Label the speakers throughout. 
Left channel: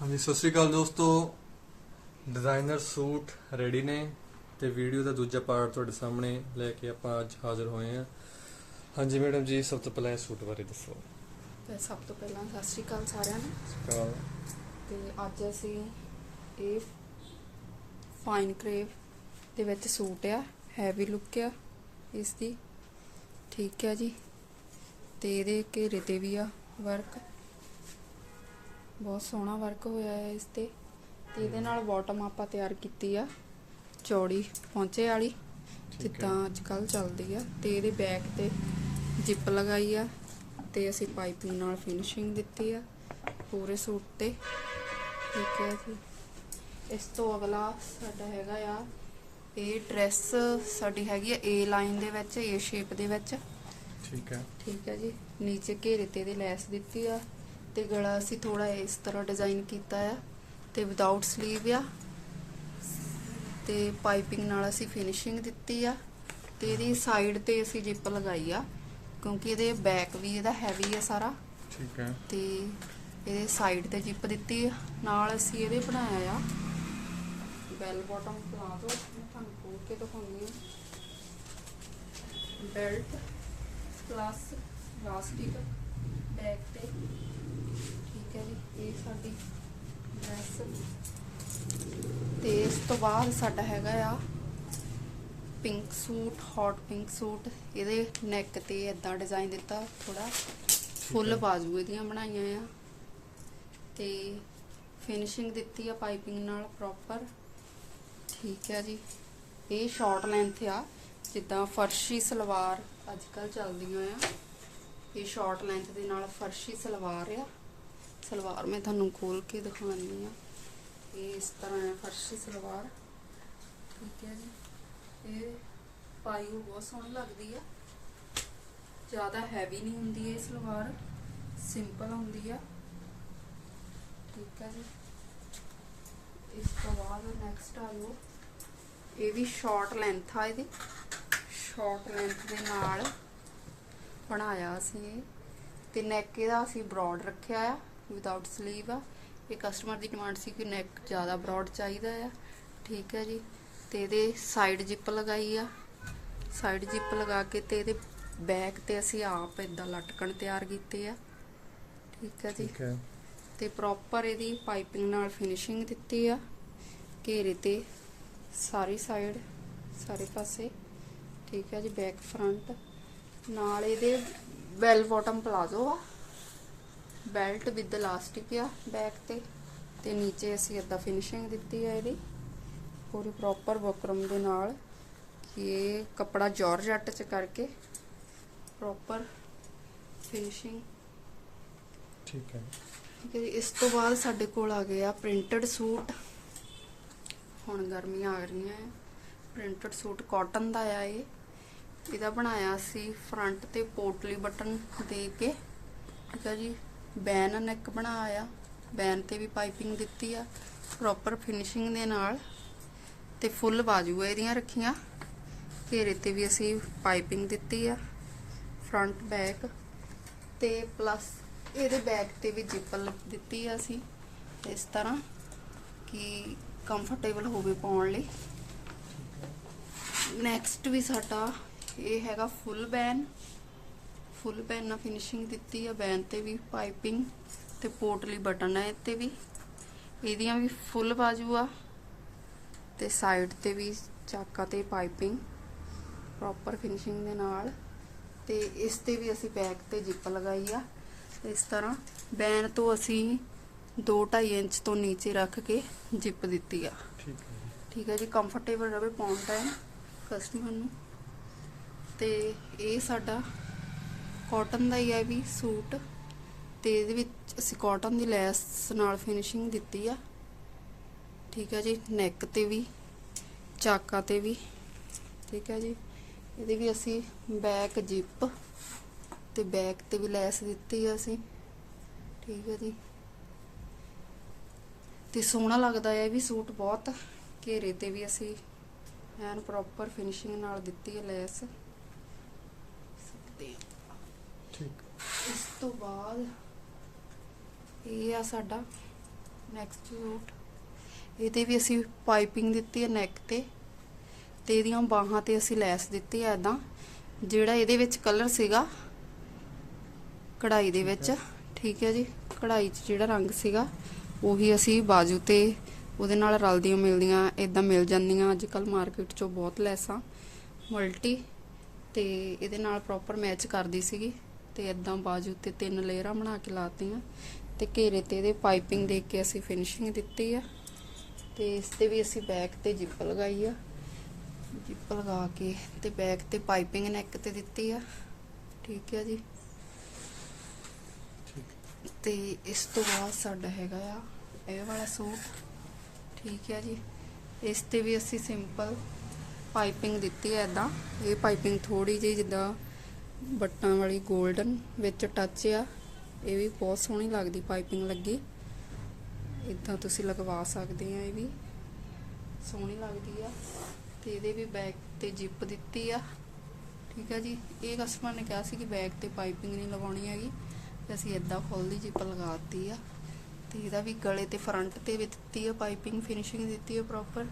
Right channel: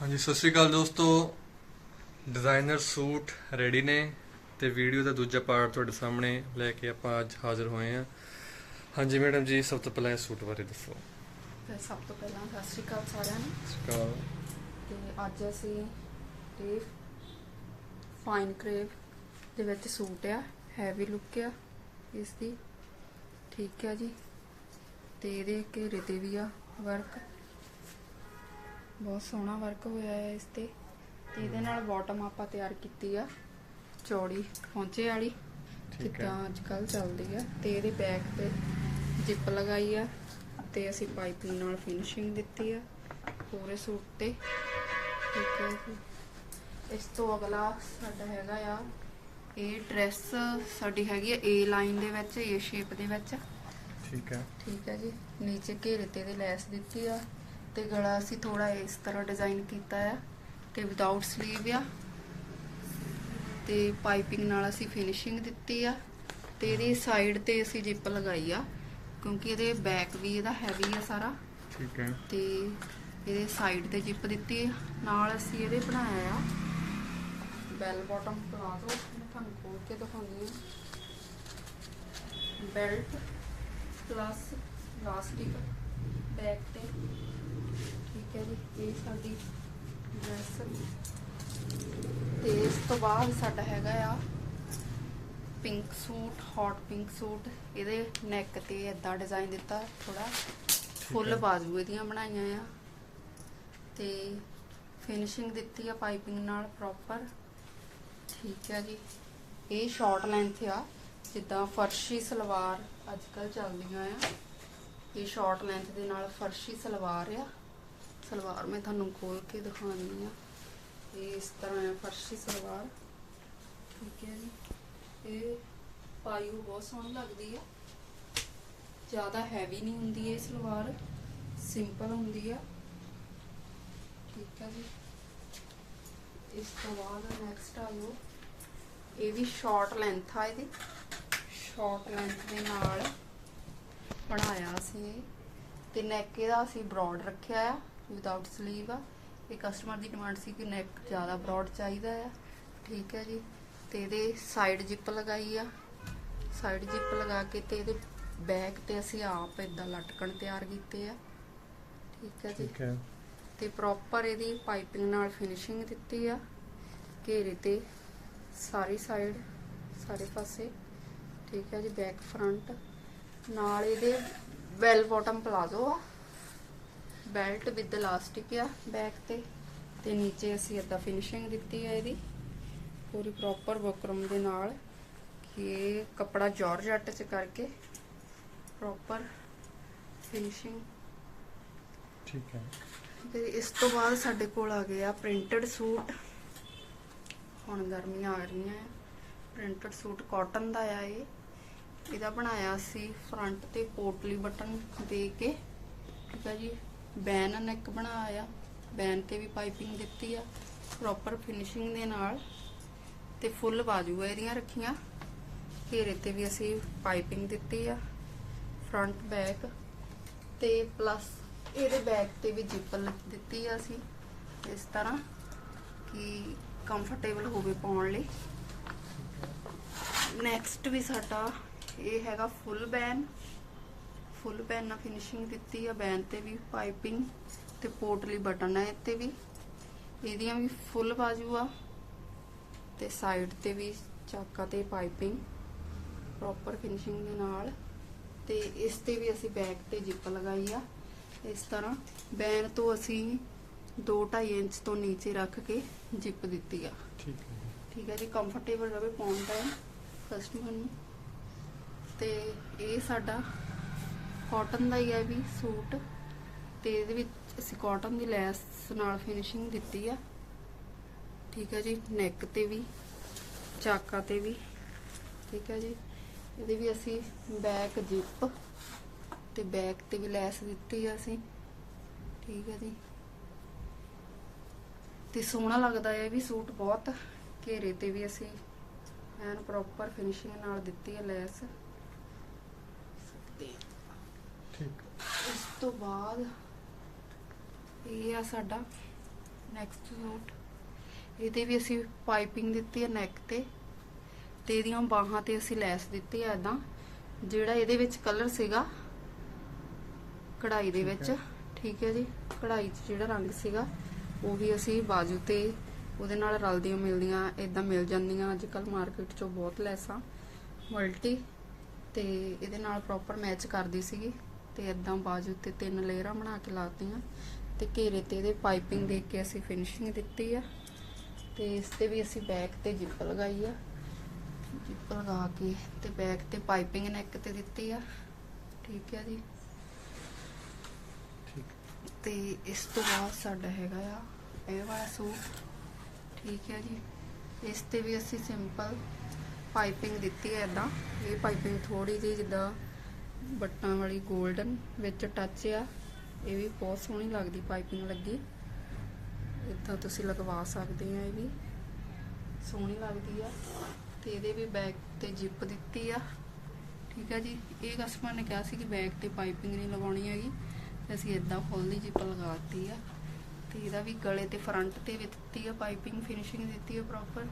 Speaker 1: ਹਾਂਜੀ ਸਤਿ ਸ਼੍ਰੀ ਅਕਾਲ ਦੋਸਤੋ। ਡਿਜ਼ਾਈਨਰ ਸੂਟ ਰੈਡੀ ਨੇ ਤੇ ਵੀਡੀਓ ਦਾ ਦੂਜਾ ਪਾਰਟ ਤੁਹਾਡੇ ਸਾਹਮਣੇ ਲੈ ਕੇ ਆਪਾਂ ਅੱਜ ਹਾਜ਼ਰ ਹੋਏ ਹਾਂ। ਹਾਂਜੀ ਮੈਡਮ ਜੀ ਸਭ ਤੋਂ ਪਹਿਲਾਂ ਇਹ ਸੂਟ ਬਾਰੇ ਦੱਸੋ।
Speaker 2: ਤੇ ਸਭ ਤੋਂ ਪਹਿਲਾਂ ਸਤਿ ਸ਼੍ਰੀ ਅਕਾਲ ਸਾਰਿਆਂ ਨੂੰ।
Speaker 1: ਸਤਿ ਸ਼੍ਰੀ ਅਕਾਲ।
Speaker 2: ਤੇ ਅੱਜ ਅਸੀਂ ਇਹ ਫਾਈਨ ਕਰੇਵ ਦੇ ਵਿੱਚ ਸੂਟ ਆ ਹੈਵੀ ਲੁੱਕ ਆ ਇਸ ਦੀ ਠੀਕ ਹੈ ਜੀ। ਤੇ ਇਹਦੇ ਘੇਰੇ ਤੇ ਵੀ ਆ ਵਰਕ ਬਹੁਤ ਸੋਹਣਾ ਵਰਕ ਹੋਇਆ ਹੈ ਇਸ ਤੇ। ਤੇ ਇਹਦੇ ਨਾਲ ਬਾਟਮ ਆਪਾਂ ਤਿਆਰ ਕੀਤੀ ਆ ਚੌੜੀ ਪਹੁੰਚੇ ਵਾਲੀ। ਜਿੱਦਾਂ ਅੱਜ ਕੱਲ ਚੱਲਦੀ ਆ। ਤੇ ਇਹਦੇ ਬੈਕ ਤੇ ਜਿਪ ਲਗਾਈ ਆ। ਤੇ ਅਸੀਂ ਪਾਈਪਿੰਗ ਨਾਲ ਫਿਨਿਸ਼ਿੰਗ ਦਿੱਤੀ ਆ ਪੂਰੇ ਸੂਟ ਤੇ। ਠੀਕ ਹੈ ਜੀ। ਇਸ ਤੋਂ ਅਗਲਾ ਸਾਡਾ ਹੈਗਾ ਆ ਇਹ ਡਰੈਸ ਸਾਡੀ ਹੈਗੀ ਆ ਏ ਲਾਈਨ ਦੇ ਵਿੱਚ ਏ ਸ਼ੇਪ ਦੇ ਵਿੱਚ।
Speaker 1: ਠੀਕ ਹੈ।
Speaker 2: ਠੀਕ ਹੈ ਜੀ। ਨੀਚੇ ਘੇਰੇ ਤੇ ਦੀ ਲੈਸ ਦਿੱਤੀ ਆ। ਤੇ ਗਲਾ ਅਸੀਂ ਥੋੜਾ ਇਸ ਤਰ੍ਹਾਂ ਡਿਜ਼ਾਈਨ ਕੀਤਾ ਹੈ ਤੇ ਵਿਦਆਊਟ 슬ੀਵ ਆ। ਤੇ ਪਾਈਪਿੰਗ ਨਾਲ ਅਸੀਂ ਫਿਨਿਸ਼ਿੰਗ ਦਿੱਤੀ ਆ। ਤੇ ਇਹਦੀ ਸਾਈਡ ਤੇ ਅਸੀਂ ਜਿਪ ਲਗਾਈ ਆ ਕਿਉਂਕਿ ਇਹਦੇ ਬੈਕ ਵੀ ਇਹਦਾ ਹੈਵੀ ਆ ਸਾਰਾ।
Speaker 1: ਠੀਕ ਹੈ।
Speaker 2: ਤੇ ਇਹਦੇ ਸਾਈਡ ਤੇ ਜਿਪ ਦਿੱਤੀ। ਨਾਲ ਅਸੀਂ ਇਹਦੇ ਬਣਾਇਆ ਆ ਬੈਲ ਬਾਟਮ ਪਲਾਜ਼ੋ। ਮੈਂ ਤੁਹਾਨੂੰ ਖੋਲ ਕੇ ਦਿਖਾਉਂਦੀ ਹਾਂ। ਬੈਲਟ ਪਲੱਸ ਲਾਸਟਿਕ ਬੈਕ ਤੇ। ਠੀਕ ਹੈ ਜੀ ਇਹ ਸਾਡੀ ਡਰੈਸ ਤੇ ਇਸ ਤੋਂ ਬਾਅਦ ਸਾਡਾ ਹੈਗਾ ਆ pink suit hot pink suit ਇਹਦੇ ਨੈਕ ਤੇ ਏਦਾਂ ਡਿਜ਼ਾਈਨ ਦਿੱਤਾ ਥੋੜਾ ਫੁੱਲ। ਬਾਜ਼ੂ ਇਹਦੀਆਂ ਬਣਾਈਆਂ ਆ। ਤੇ ਫਿਨਿਸ਼ਿੰਗ ਦਿੱਤੀ ਆ ਪਾਈਪਿੰਗ ਨਾਲ ਪ੍ਰੋਪਰ ਠੀਕ ਹੈ ਜੀ। ਇਹ ਸ਼ਾਰਟ ਲੈਂਥ ਆ ਜਿੱਦਾਂ ਫਰਸ਼ੀ ਸਲਵਾਰ ਅੱਜ ਕੱਲ ਚੱਲਦੀਆਂ ਆ। ਇਹ ਸ਼ਾਰਟ ਲੈਂਥ ਦੇ ਨਾਲ ਫਰਸ਼ੀ ਸਲਵਾਰ ਆ। ਸਲਵਾਰ ਮੈਂ ਤੁਹਾਨੂੰ ਖੋਲ ਕੇ ਦਿਖਾਉਂਦੀ ਆ ਇਹ ਇਸ ਤਰ੍ਹਾਂ ਆ, ਫਰਸ਼ੀ ਸਲਵਾਰ। ਠੀਕ ਹੈ ਜੀ। ਇਹ ਪਾਈਓ ਬਹੁਤ ਸੋਹਣੀ ਲੱਗਦੀ ਆ। ਜ਼ਿਆਦਾ ਹੈਵੀ ਨਹੀਂ ਹੁੰਦੀ ਇਹ ਸਲਵਾਰ। ਸਿੰਪਲ ਹੁੰਦੀ ਆ। ਠੀਕ ਹੈ ਜੀ। ਇਸ ਤੋਂ ਬਾਅਦ ਨੈਕਸਟ ਆ ਲਓ ਇਹ ਵੀ ਸ਼ਾਰਟ ਲੈਂਥ ਆ ਇਹਦੀ। ਸ਼ਾਰਟ ਲੈਂਥ ਦੇ ਨਾਲ ਬਣਾਇਆ ਸੀ ਇਹ। ਤੇ ਨੈਕ ਇਹਦਾ ਅਸੀਂ ਬ੍ਰੌਡ ਰੱਖਿਆ ਆ। ਵਿਦਆਊਟ 슬ੀਵ ਆ। ਇਹ ਕਸਟਮਰ ਦੀ ਡਿਮਾਂਡ ਸੀ ਕਿ ਨੈਕ ਜ਼ਿਆਦਾ ਬ੍ਰੌਡ ਚਾਹੀਦਾ ਆ। ਠੀਕ ਹੈ ਜੀ। ਤੇ ਇਹਦੇ ਸਾਈਡ ਜਿਪ ਲਗਾਈ ਆ। ਸਾਈਡ ਜਿਪ ਲਗਾ ਕੇ ਤੇ ਇਹਦੇ ਬੈਕ ਤੇ ਅਸੀਂ ਆਪ ਇਦਾਂ ਲਟਕਣ ਤਿਆਰ ਕੀਤੇ ਆ। ਠੀਕ ਹੈ ਜੀ। ਤੇ ਪ੍ਰੋਪਰ ਇਹਦੀ ਪਾਈਪਿੰਗ ਨਾਲ ਫਿਨਿਸ਼ਿੰਗ ਦਿੱਤੀ ਆ। ਘੇਰੇ ਤੇ ਸਾਰੀ ਸਾਈਡ ਸਾਰੇ ਪਾਸੇ। ਠੀਕ ਹੈ ਜੀ। ਬੈਕ ਫਰੰਟ ਨਾਲ ਇਹਦੇ ਬੈਲ ਬਾਟਮ ਪਲਾਜ਼ੋ ਆ। ਬੈਲਟ ਵਿਦ ਇਲਾਸਟਿਕ ਆ ਬੈਕ ਤੇ ਤੇ ਨੀਚੇ ਅਸੀਂ ਏਦਾਂ ਫਿਨਿਸ਼ਿੰਗ ਦਿੱਤੀ ਆ ਇਹਦੀ ਪੂਰੀ ਪ੍ਰੋਪਰ ਬੁਕਰਮ ਦੇ ਨਾਲ ਕਿ ਕਪੜਾ ਜਾਰਜਟ ਚ ਕਰਕੇ ਪ੍ਰੋਪਰ ਫਿਨਿਸ਼ਿੰਗ
Speaker 1: ਠੀਕ ਹੈ
Speaker 2: ਤੇ ਇਸ ਤੋਂ ਬਾਅਦ ਸਾਡੇ ਕੋਲ ਆ ਗਿਆ ਪ੍ਰਿੰਟਡ ਸੂਟ ਹੁਣ ਗਰਮੀਆਂ ਆ ਰਹੀਆਂ ਹੈ ਪ੍ਰਿੰਟਡ ਸੂਟ ਕਾਟਨ ਦਾ ਆ ਇਹ ਇਹਦਾ ਬਣਾਇਆ ਸੀ ਫਰੰਟ ਤੇ ਪੋਟਲੀ ਬਟਨ ਦੇ ਕੇ ਠੀਕ ਆ ਜੀ ਬੈਨ ਨੈਕ ਬਣਾਇਆ, ਬੈਨ ਤੇ ਵੀ ਪਾਈਪਿੰਗ ਦਿੱਤੀ ਆ ਪ੍ਰੋਪਰ ਫਿਨਿਸ਼ਿੰਗ ਦੇ ਨਾਲ ਤੇ ਫੁੱਲ ਬਾਜੂ ਇਹਦੀਆਂ ਰੱਖੀਆਂ, ਘੇਰੇ ਤੇ ਵੀ ਅਸੀਂ ਪਾਈਪਿੰਗ ਦਿੱਤੀ ਆ ਫਰੰਟ ਬੈਕ ਤੇ ਪਲੱਸ ਇਹਦੇ ਬੈਕ ਤੇ ਵੀ ਜਿਪ ਦਿੱਤੀ ਆ ਅਸੀਂ, ਇਸ ਤਰ੍ਹਾਂ ਕਿ ਕੰਫਰਟੇਬਲ ਹੋਵੇ ਪਾਉਣ ਲਈ। ਨੈਕਸਟ ਵੀ ਸਾਡਾ ਇਹ ਹੈਗਾ ਫੁੱਲ ਬੈਨ ਫੁੱਲ ਬੈਨ ਨਾਲ ਫਿਨਿਸ਼ਿੰਗ ਦਿੱਤੀ ਆ ਬੈਨ ਤੇ ਵੀ ਪਾਈਪਿੰਗ ਤੇ ਪੋਟਲੀ ਬਟਨ ਹੈ ਇੱਥੇ ਵੀ। ਇਹਦੀਆਂ ਵੀ ਫੁੱਲ ਬਾਜੂ ਆ ਤੇ ਸਾਈਡ ਤੇ ਵੀ ਚਾਕਾ ਤੇ ਪਾਈਪਿੰਗ ਪ੍ਰੋਪਰ ਫਿਨਿਸ਼ਿੰਗ ਦੇ ਨਾਲ। ਤੇ ਇਸ ਤੇ ਵੀ ਅਸੀਂ ਬੈਕ ਤੇ ਜਿਪ ਲਗਾਈ ਆ। ਇਸ ਤਰ੍ਹਾਂ ਬੈਨ ਤੋਂ ਅਸੀਂ 2.5 ਇੰਚ ਤੋਂ ਨੀਚੇ ਰੱਖ ਕੇ ਜਿਪ ਦਿੱਤੀ ਆ।
Speaker 1: ਠੀਕ ਹੈ
Speaker 2: ਠੀਕ ਹੈ ਜੀ ਕੰਫਰਟੇਬਲ ਰਵੇ ਪਾਉਣ ਟਾਈਮ ਕਸਟਮਰ ਨੂੰ। ਤੇ ਇਹ ਸਾਡਾ ਕਾਟਨ ਦਾ ਹੀ ਹੈ ਵੀ ਸੂਟ। ਤੇ ਇਹਦੇ ਵਿੱਚ ਅਸੀਂ ਕਾਟਨ ਦੀ ਲੈਸ ਨਾਲ ਫਿਨਿਸ਼ਿੰਗ ਦਿੱਤੀ ਆ। ਠੀਕ ਹੈ ਜੀ ਨੈਕ ਤੇ ਵੀ, ਚਾਕਾ ਤੇ ਵੀ। ਠੀਕ ਹੈ ਜੀ, ਇਹਦੇ ਵੀ ਅਸੀਂ ਬੈਕ ਜਿਪ ਤੇ ਬੈਕ ਤੇ ਵੀ ਲੈਸ ਦਿੱਤੀ ਆ ਅਸੀਂ। ਠੀਕ ਹੈ ਜੀ। ਤੇ ਸੋਹਣਾ ਲੱਗਦਾ ਹੈ ਵੀ ਸੂਟ ਬਹੁਤ। ਘੇਰੇ ਤੇ ਵੀ ਅਸੀਂ ਐਨ ਪ੍ਰੋਪਰ ਫਿਨਿਸ਼ਿੰਗ ਨਾਲ ਦਿੱਤੀ ਹੈ ਲੈਸ। ਤੇ
Speaker 1: ਠੀਕ।
Speaker 2: ਇਸ ਤੋਂ ਬਾਅਦ ਇਹ ਆ ਸਾਡਾ ਨੈਕਸਟ ਸੂਟ ਇਹਦੇ ਵੀ ਅਸੀਂ ਪਾਈਪਿੰਗ ਦਿੱਤੀ ਹੈ ਨੈਕ ਤੇ ਤੇ ਇਹਦੀਆਂ ਬਾਹਾਂ ਤੇ ਅਸੀਂ ਲੈਸ ਦਿੱਤੀ ਹੈ ਇਦਾਂ ਜਿਹੜਾ ਇਹਦੇ ਵਿੱਚ ਕਲਰ ਸੀਗਾ ਕਢਾਈ ਦੇ ਵਿੱਚ ਠੀਕ ਹੈ ਜੀ। ਕਢਾਈ 'ਚ ਜਿਹੜਾ ਰੰਗ ਸੀਗਾ ਉਹੀ ਅਸੀਂ ਬਾਜੂ ਤੇ ਉਹਦੇ ਨਾਲ ਰਲਦੀਆਂ ਮਿਲਦੀਆਂ ਇਦਾਂ ਮਿਲ ਜਾਂਦੀਆਂ। ਅੱਜ ਕੱਲ ਮਾਰਕੀਟ 'ਚੋਂ ਬਹੁਤ ਲੈਸਾਂ ਮਲਟੀ ਤੇ ਇਹਦੇ ਨਾਲ ਪ੍ਰੋਪਰ ਮੈਚ ਕਰਦੀ ਸੀਗੀ। ਤੇ ਇਦਾਂ ਬਾਜੂ ਤੇ ਤਿੰਨ ਲੇਅਰਾਂ ਬਣਾ ਕੇ ਲਾਤੀਆਂ ਤੇ ਘੇਰੇ ਤੇ ਇਹਦੇ ਪਾਈਪਿੰਗ ਦੇ ਕੇ ਅਸੀਂ ਫਿਨਿਸ਼ਿੰਗ ਦਿੱਤੀ ਆ। ਤੇ ਇਸ ਤੇ ਵੀ ਅਸੀਂ ਬੈਕ ਤੇ ਜਿੱਪ ਲਗਾਈ ਆ। ਜਿੱਪ ਲਗਾ ਕੇ ਤੇ ਬੈਕ ਤੇ ਪਾਈਪਿੰਗ ਨੈਕ ਤੇ ਦਿੱਤੀ ਆ। ਠੀਕ ਹੈ ਜੀ। ਤੇ ਇਸ ਤੋਂ ਬਾਅਦ ਸਾਡਾ ਹੈਗਾ ਆ ਇਹ ਵਾਲਾ ਸੂਟ। ਠੀਕ ਹੈ ਜੀ। ਇਸ ਤੇ ਵੀ ਅਸੀਂ ਸਿੰਪਲ ਪਾਈਪਿੰਗ ਦਿੱਤੀ ਹੈ ਇਦਾਂ ਇਹ ਪਾਈਪਿੰਗ ਥੋੜੀ ਜਿਹੀ ਜਿੱਦਾਂ ਬੱਟਾਂ ਵਾਲੀ 골ਡਨ ਵਿੱਚ ਟੱਚ ਆ। ਇਹ ਵੀ ਬਹੁਤ ਸੋਹਣੀ ਲੱਗਦੀ ਪਾਈਪਿੰਗ ਲੱਗੀ। ਇਦਾਂ ਤੁਸੀਂ ਲਗਵਾ ਸਕਦੇ ਆ ਇਹ ਵੀ। ਸੋਹਣੀ ਲੱਗਦੀ ਆ। ਤੇ ਇਹਦੇ ਵੀ ਬੈਕ ਤੇ ਜਿਪ ਦਿੱਤੀ ਆ। ਠੀਕ ਆ ਜੀ। ਇਹ ਕਸਟਮਰ ਨੇ ਕਿਹਾ ਸੀ ਕਿ ਬੈਕ ਤੇ ਪਾਈਪਿੰਗ ਨਹੀਂ ਲਗਾਉਣੀ ਹੈਗੀ। ਤੇ ਅਸੀਂ ਇਦਾਂ ਫੁੱਲ ਦੀ ਜਿਪ ਲਗਾਤੀ ਆ। ਤੇ ਇਹਦਾ ਵੀ ਗਲੇ ਤੇ ਫਰੰਟ ਤੇ ਵੀ ਦਿੱਤੀ ਆ ਪਾਈਪਿੰਗ ਫਿਨਿਸ਼ਿੰਗ ਦਿੱਤੀ ਆ ਪ੍ਰੋਪਰ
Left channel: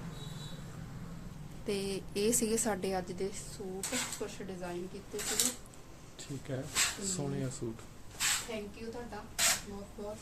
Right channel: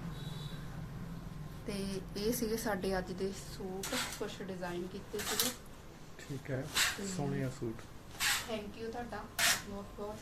Speaker 2: ਤੇ ਇਹ ਸੀਗੇ ਸਾਡੇ ਅੱਜ ਦੇ ਸੂਟ। ਕੁਝ ਡਿਜ਼ਾਈਨ ਕੀਤੇ ਸੀਗੇ।
Speaker 1: ਠੀਕ ਹੈ ਸੋਹਣਿਆ ਸੂਟ।
Speaker 2: ਥੈਂਕ ਯੂ ਤੁਹਾਡਾ ਬਹੁਤ ਬਹੁਤ